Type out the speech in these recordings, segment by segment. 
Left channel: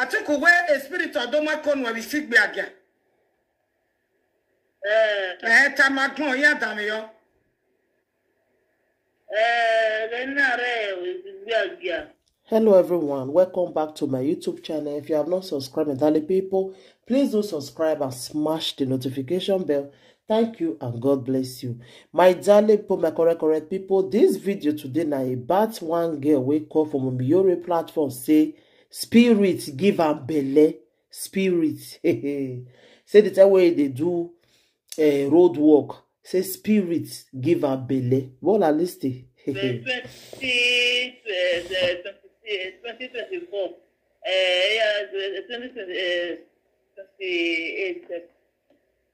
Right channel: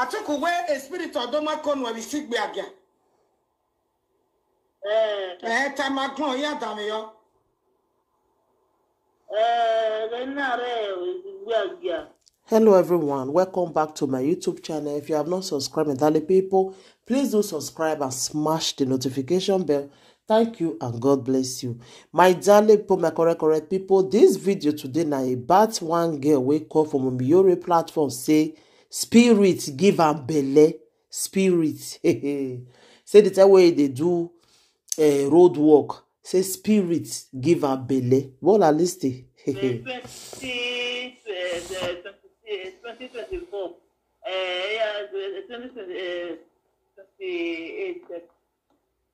Atiku we a spirit of doma kon we sig be again. Tamakon ya dame yo. Hello everyone, welcome back to my YouTube channel. If you have not subscribed, darling people, please do subscribe and smash the notification bell. Thank you and God bless you. My darling people, my correct people, this video today na about one girl wey call from Omiyore platform say spirit give am belle. Spirit. Say the time wey they do road work. Say spirit give am belle. What are listing? 2024.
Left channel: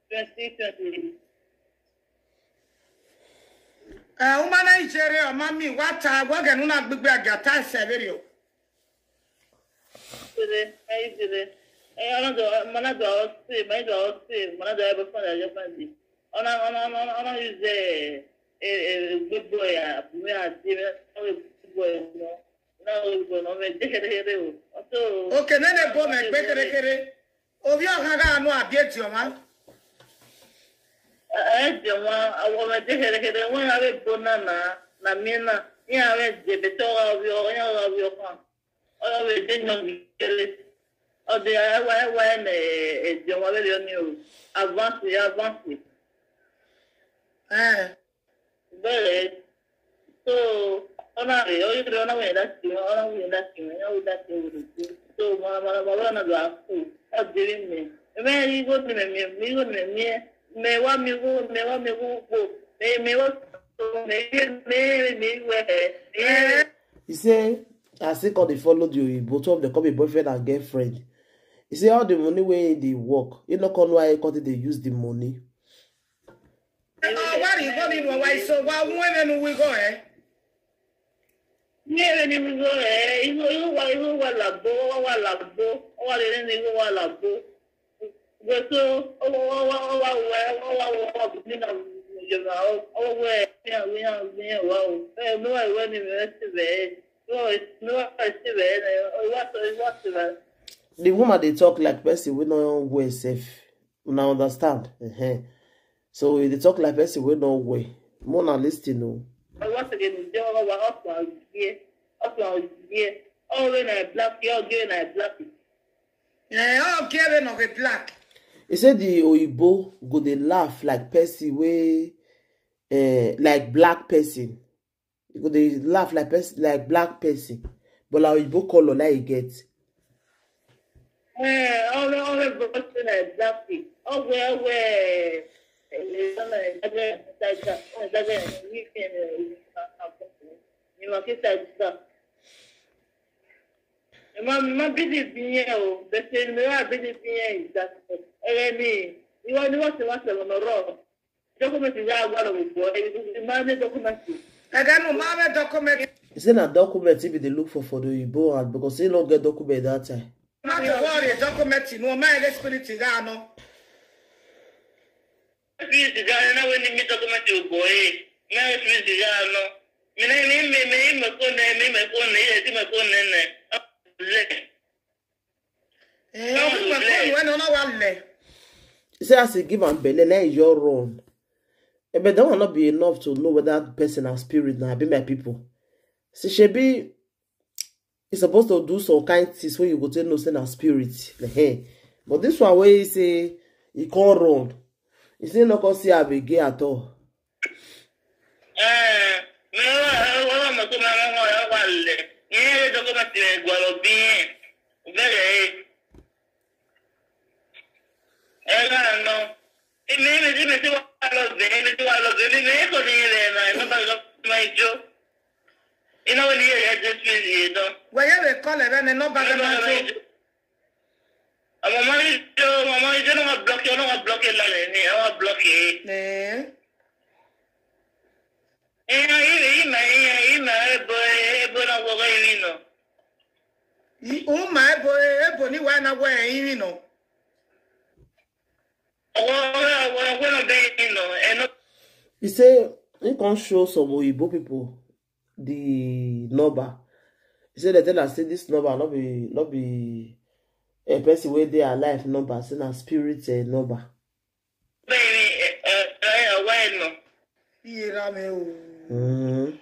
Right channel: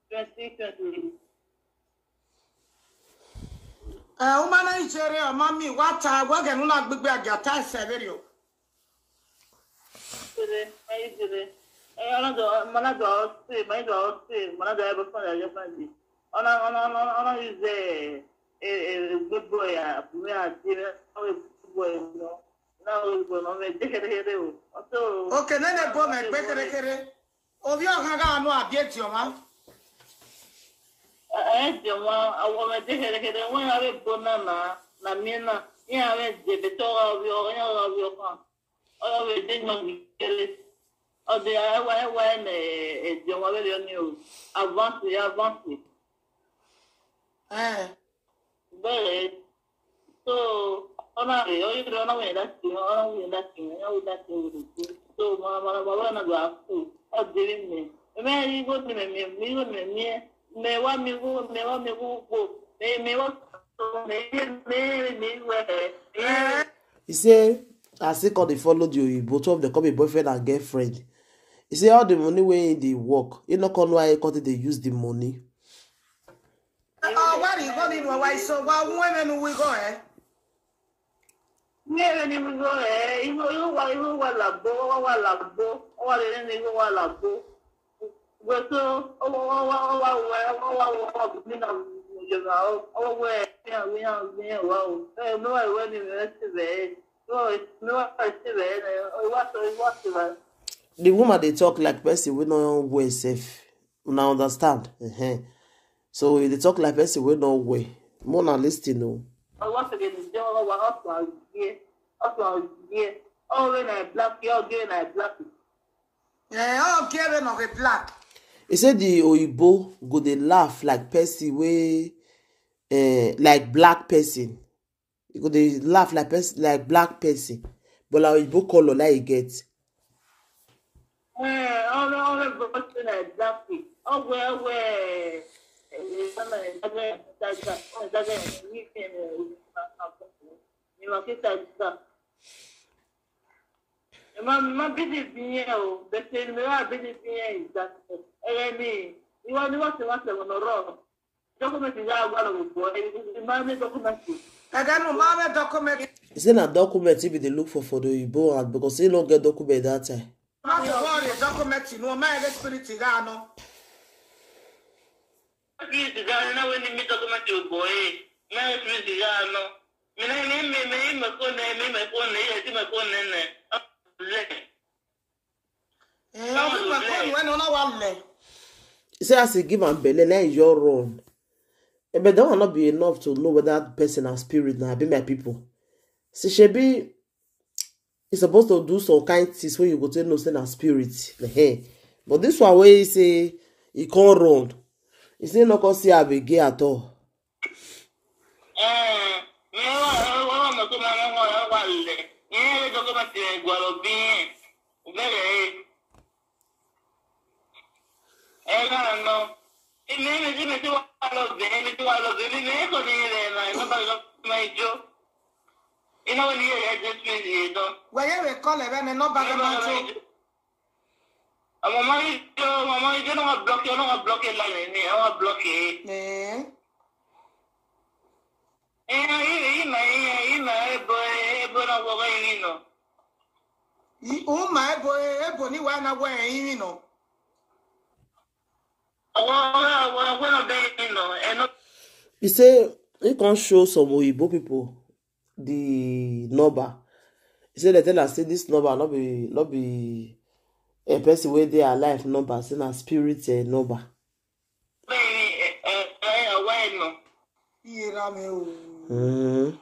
2020. Umana ijere mami wata woge nuna gbigbe agata severio. Good boy, Okay, nene go me gbekere. Obi ohaga anu abieti o ma. So, he say, as he call they follow you, both of them come a boyfriend and girlfriend. He say all the money where they work, you know why they use the money. Oh, what is going on? Why so? Why women we go? Yeah, we go. You why labo. What is it? Labo. But so, the woman they talk like person we no wear safe. Una understand? So they talk like person we no wear. More na listen no. Once again, oh, when I black, you're getting I black. Yeah, okay, we no get black. He said the Oyibo go they laugh like person we like black person. He go they laugh like person like black person. But like Oyibo color like he get. All the person I black. Oh, where. Ma busy being the same busy being that you want to watch on the road. Document is out one of the document. I got no mama document. Is it a document if they look for the Oyibo and because they don't get document that time? Not to worry, document no my spirit no. When you meet document boy, my spirit no. Say as he give am belle, now is your wrong. But that will not be enough to know whether that person has spirit now. Be my people. See, she be is supposed to do some kind things when you go to know say na spirit. But this one where he say he can't run. He say no can see a big gay at all. Where you call it and no bad man. Mama, you don't block it. I don't block it. I don't block it. My boy, Bonnie, when I wear, you know. He say he can show some Oyibo people the number. He said they tell us say this number not be a person where they are life number, say na spirit number. Baby, away no. Ira me o.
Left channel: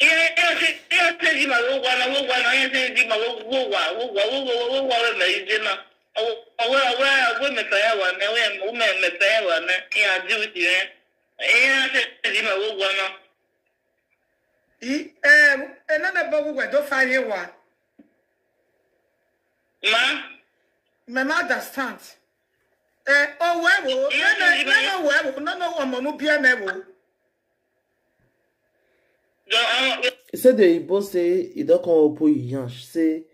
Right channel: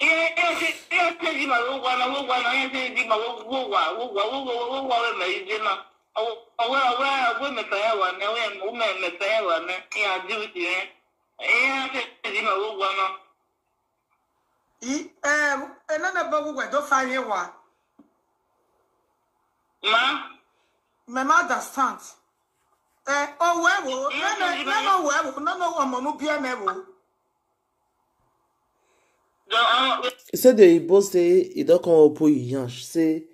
Yeah, tell you my one, I tell you my women forever, now women forever, yeah, do it, yeah, tell you my one. Another bubble where don't find you one. Ma? Me understand. Oh, where no one no be a never. He said the boss say he don't come up with you. Say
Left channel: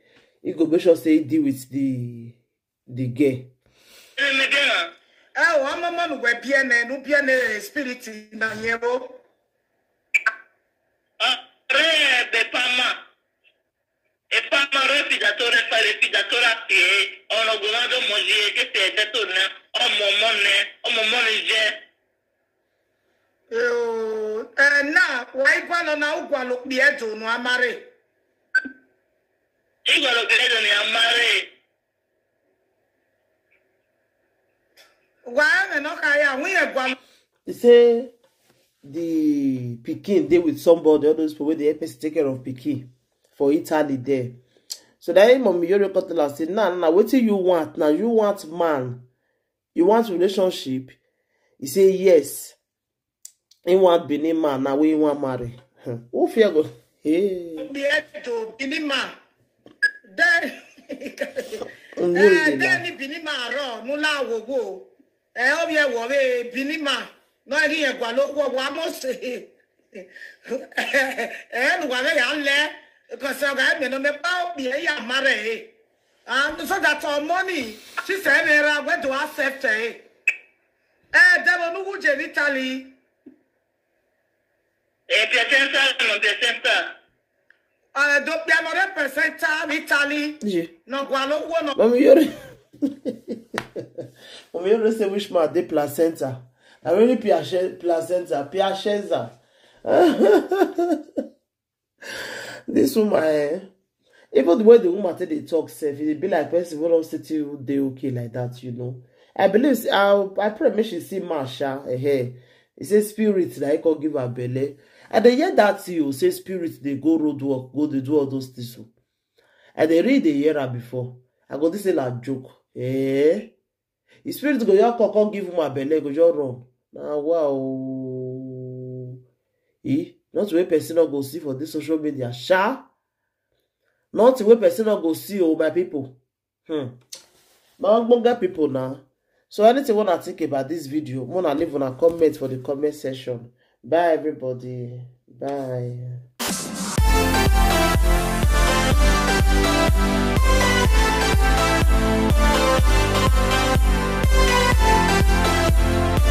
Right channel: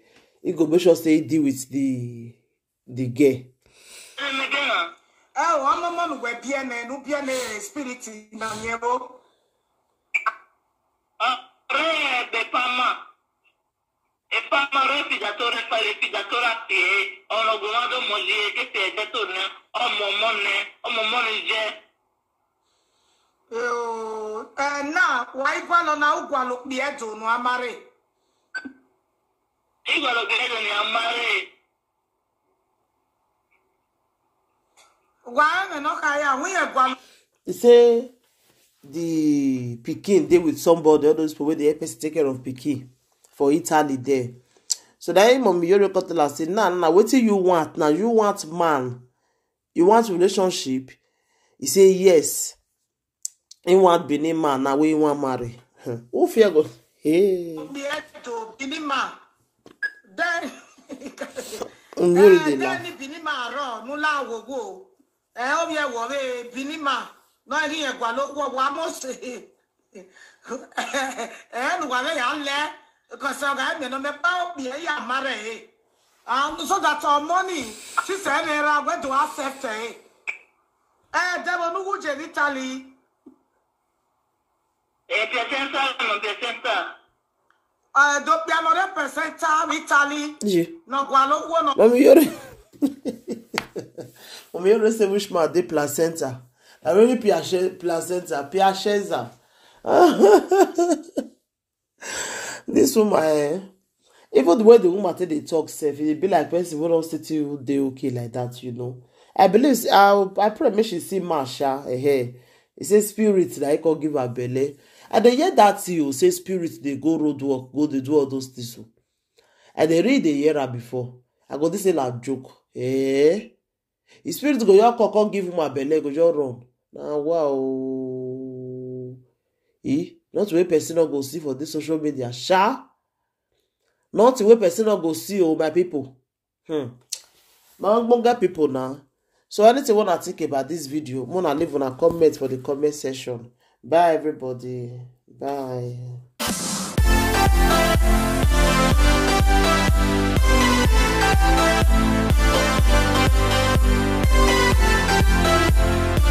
he go make sure say he deal with the girl. Oh, I'm a man who be a no be a spirit na yebo. E parla refidatore fa refidatore a piedi, o lo guardo moglie che te torna, o momone je. Now, why guano na ugualo biedo no amare? Igualo credo ne amare. Why no kaya we gualo? He say the pikin dey with somebody, all those people where they help us take care of pikin for Italy there. So that mommy you record tell us say nah, what you want now? You want man, you want relationship. He say yes. He want Benin man now. Where you want marry? Who fear go? Hey. Benin man. Then Benin man ro no la wo go. Obi e wo be Benin man. No ri e gwa lo wo wa mo se. No wa ya le. Because I me no me pa obi e ya marry. And so that our money, she said, I went to accept it. There were no in Italy. Piacenza, non Piacenza. Doppia non rappresenta Italy. No, guardo uno. Mommy, you say which man de placenta. I really placenta, Piacenza. This woman, even the way the woman they talk, self, it be like person who don't say to you they okay like that, you know. I believe I pray make she see Marsha here. It says spirit like can give her belly. And they hear that you say spirit they go road work, go they do all those things. And they read the year before. I go this say like joke. The spirit go your can give him a belly, go your run. Now wow. Not where person not go see for this social media. Sha. Not where person not go see my people. Now people now. So anything you want to think about this video, wanna leave on a comment for the comment section. Bye everybody. Bye.